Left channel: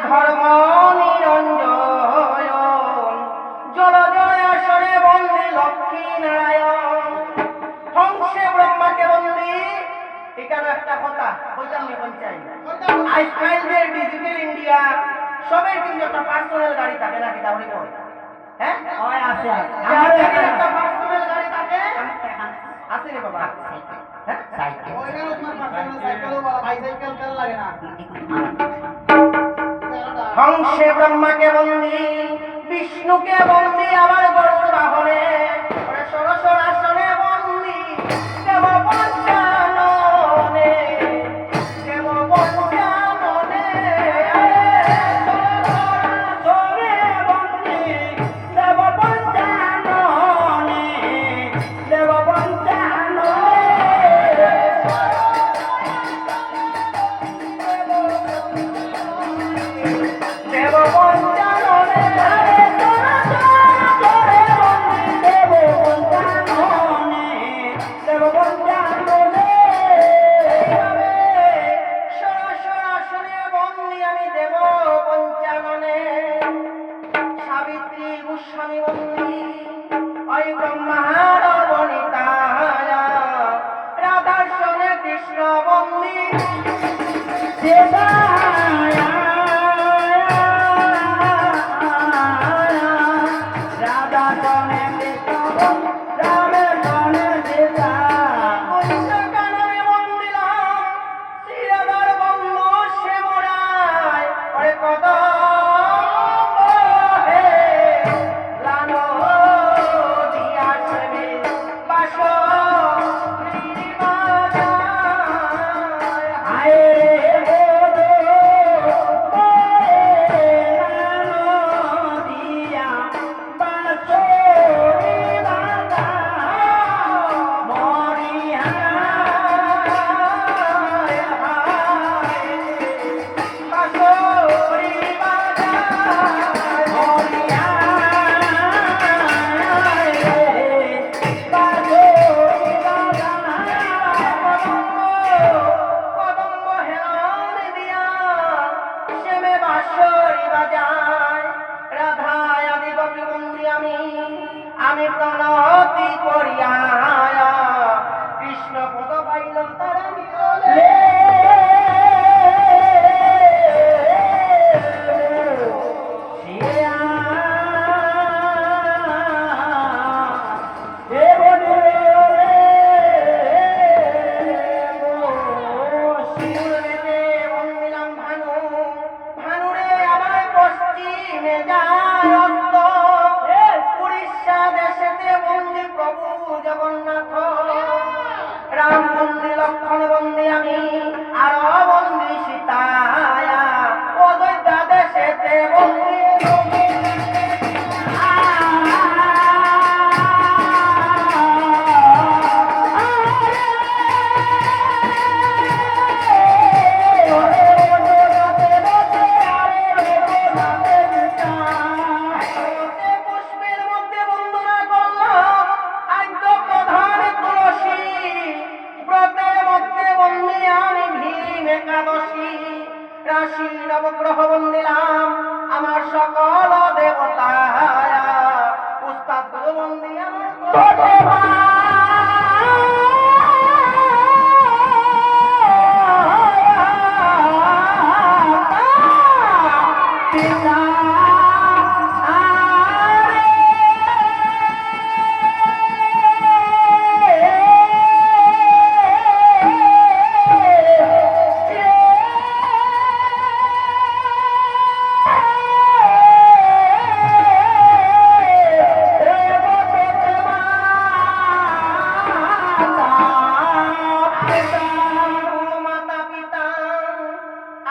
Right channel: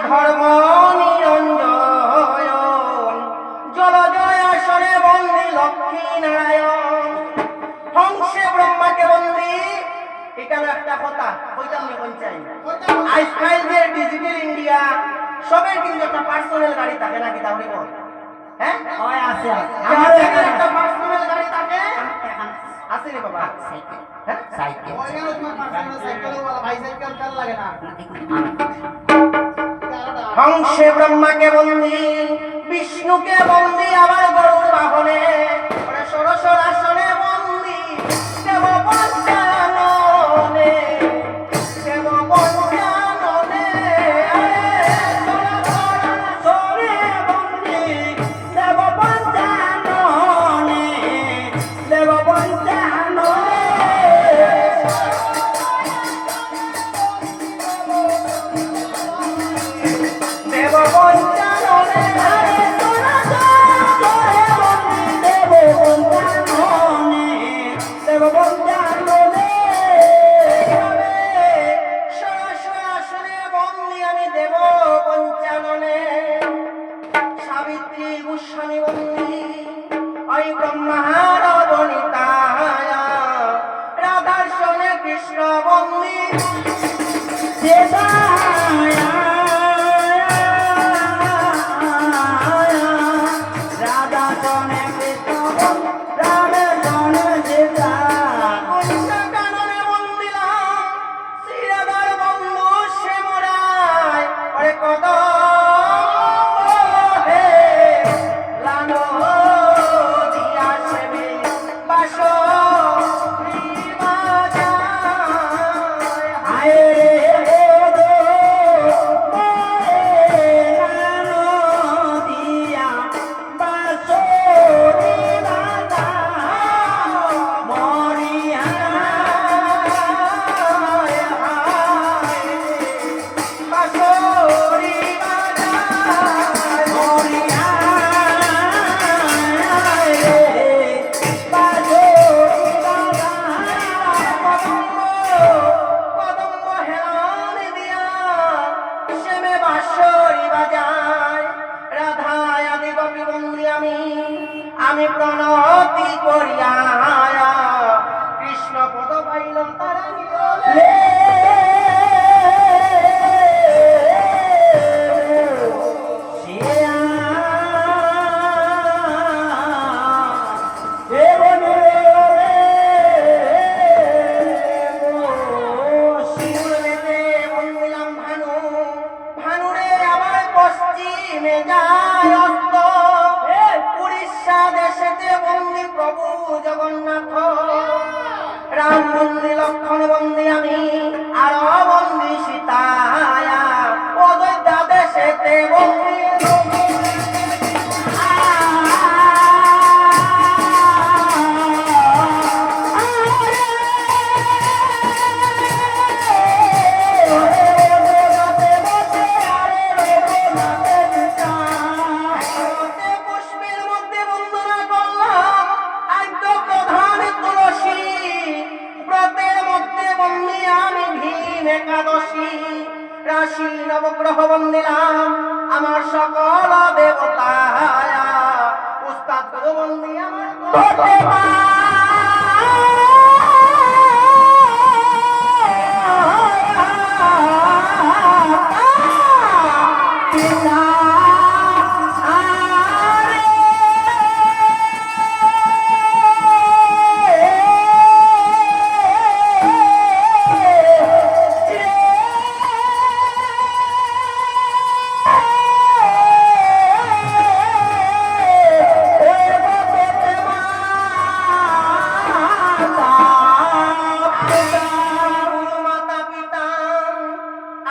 ধর্ম নিরঞ্জন জলজয় আসরে বন্দি লক্ষ্মী নারায়ণ হংসে ব্রহ্মাকে বন্দি এখানে একটা কথা কইতাম নি পঞ্চাই আজকাল যে ডিজিটাল ইন্ডিয়া সবের কিন্তু একটা পার্সোনাল গাড়ি থাকে নাকি তাহলে বল হ্যাঁ হয় আছে আমাদের একটা পার্সোনাল গাড়ি থাকে আছে রে বাবা হ্যাঁ সাইকেল ওইখানে তোমার পার্সোনাল সাইকেলও বলা বাইসাইকেল কাল লাগে না হংসে ব্রহ্মাকে বন্দি বিষ্ণুকে বন্দি আবার গরুর বাহনে সরসর আসনে বন্দি দেব পঞ্চাননে দেব পঞ্চাননে সরে বন্দি দেব পঞ্চাননে দেব পঞ্চাননে কৃষ্ণ বন্দী আমি প্রণতি করিয়া কৃষ্ণ পদ পাইলাম তারা নিরলে ভানুরে আবার পশ্চিমে যায় দেশেতে বন্দি প্রভু জগন্নাথ রাম বন্দি লক্ষ্মণ বন্দি আমি আর বন্দি সীতায়া অযোধ্যা দেশেতে বন্দি একাদশী রাশি নবগ্রহ বন্দিলাম আমার সকল দেবতা উস্তাদ গুরু বন্দি আমার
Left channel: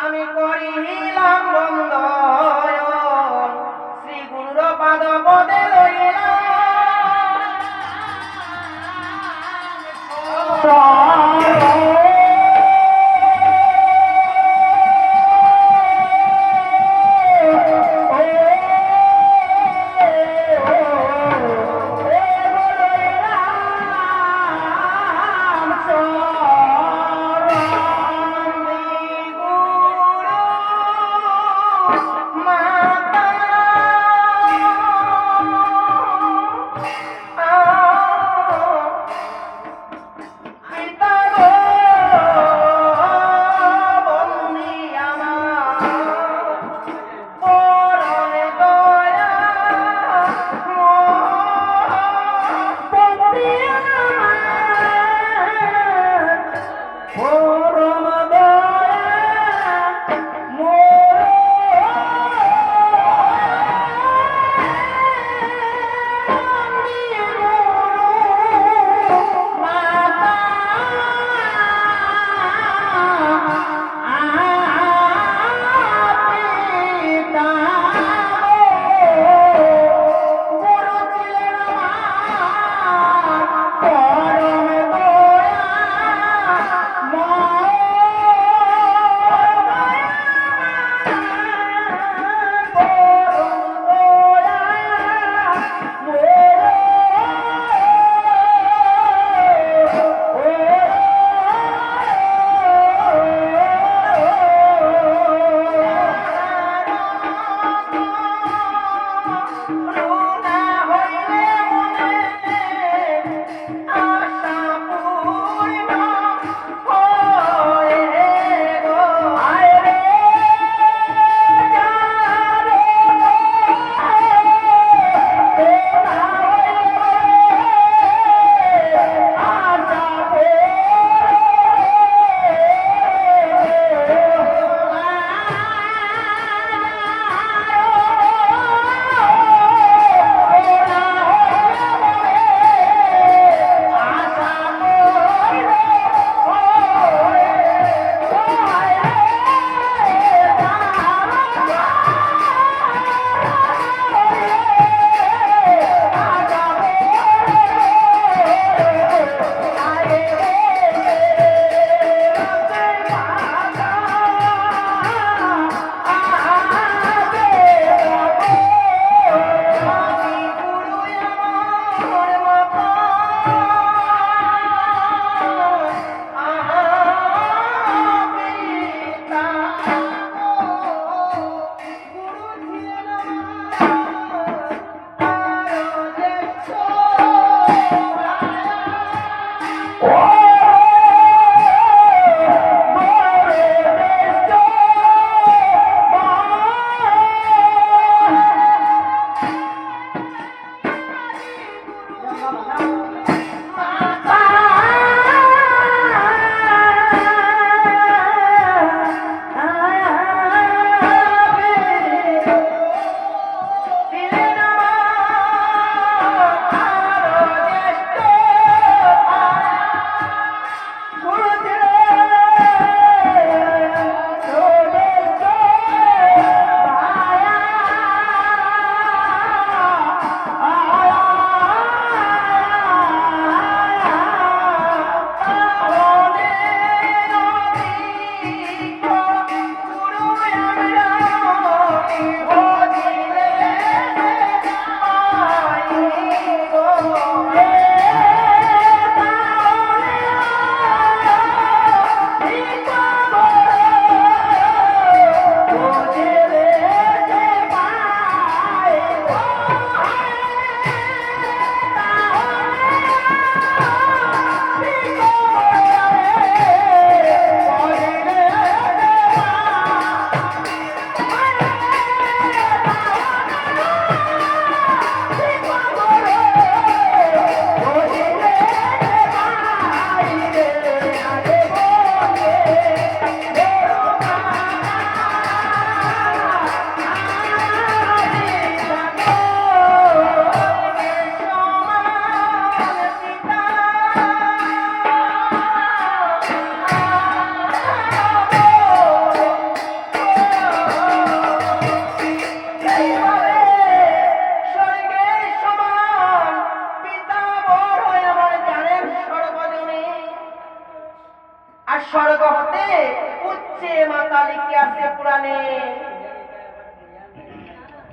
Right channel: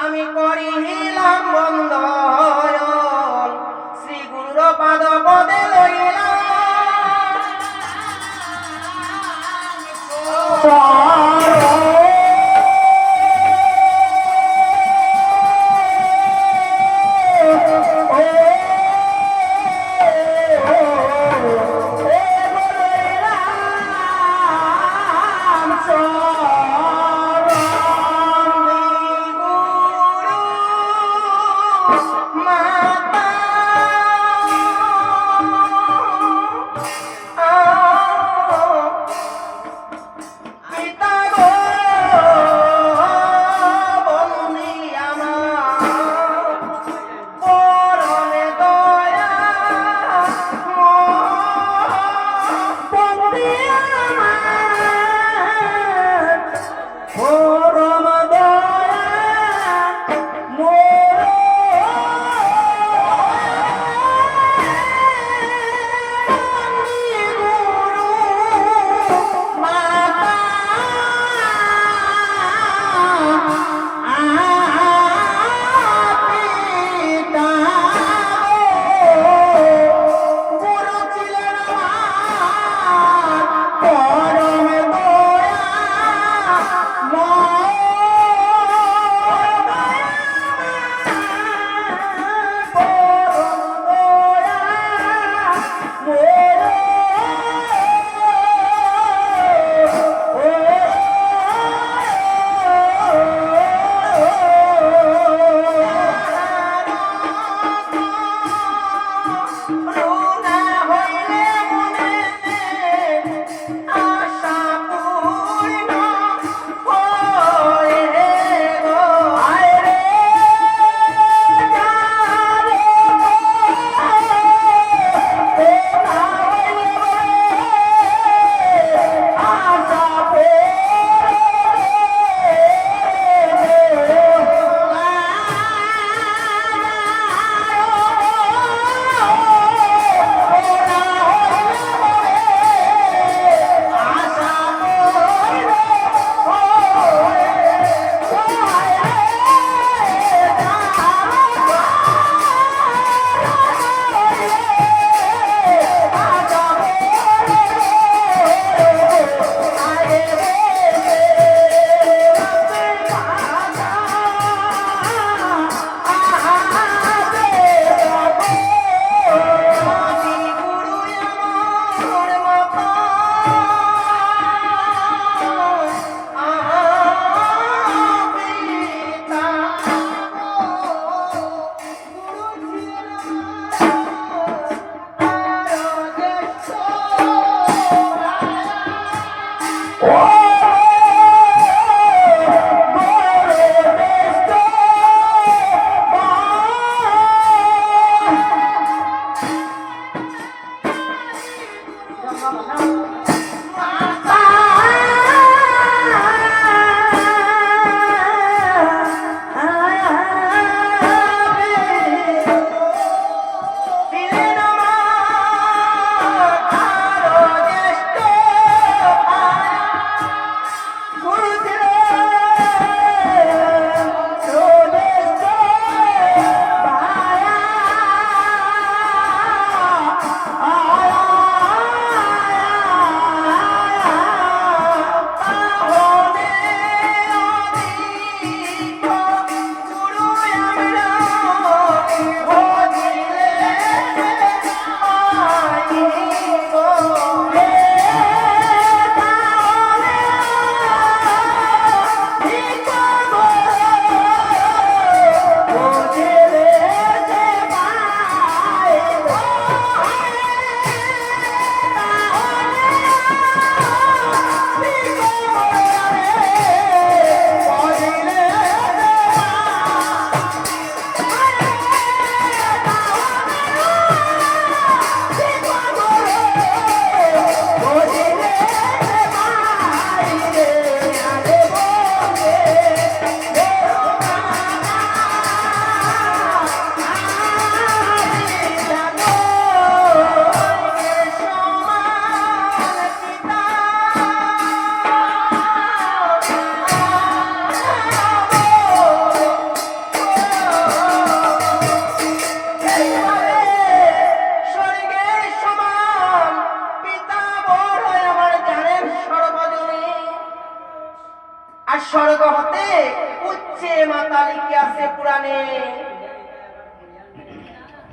আমি করিলাম বন্ধ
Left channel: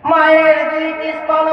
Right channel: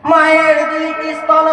মায়ের দুইটি স্তন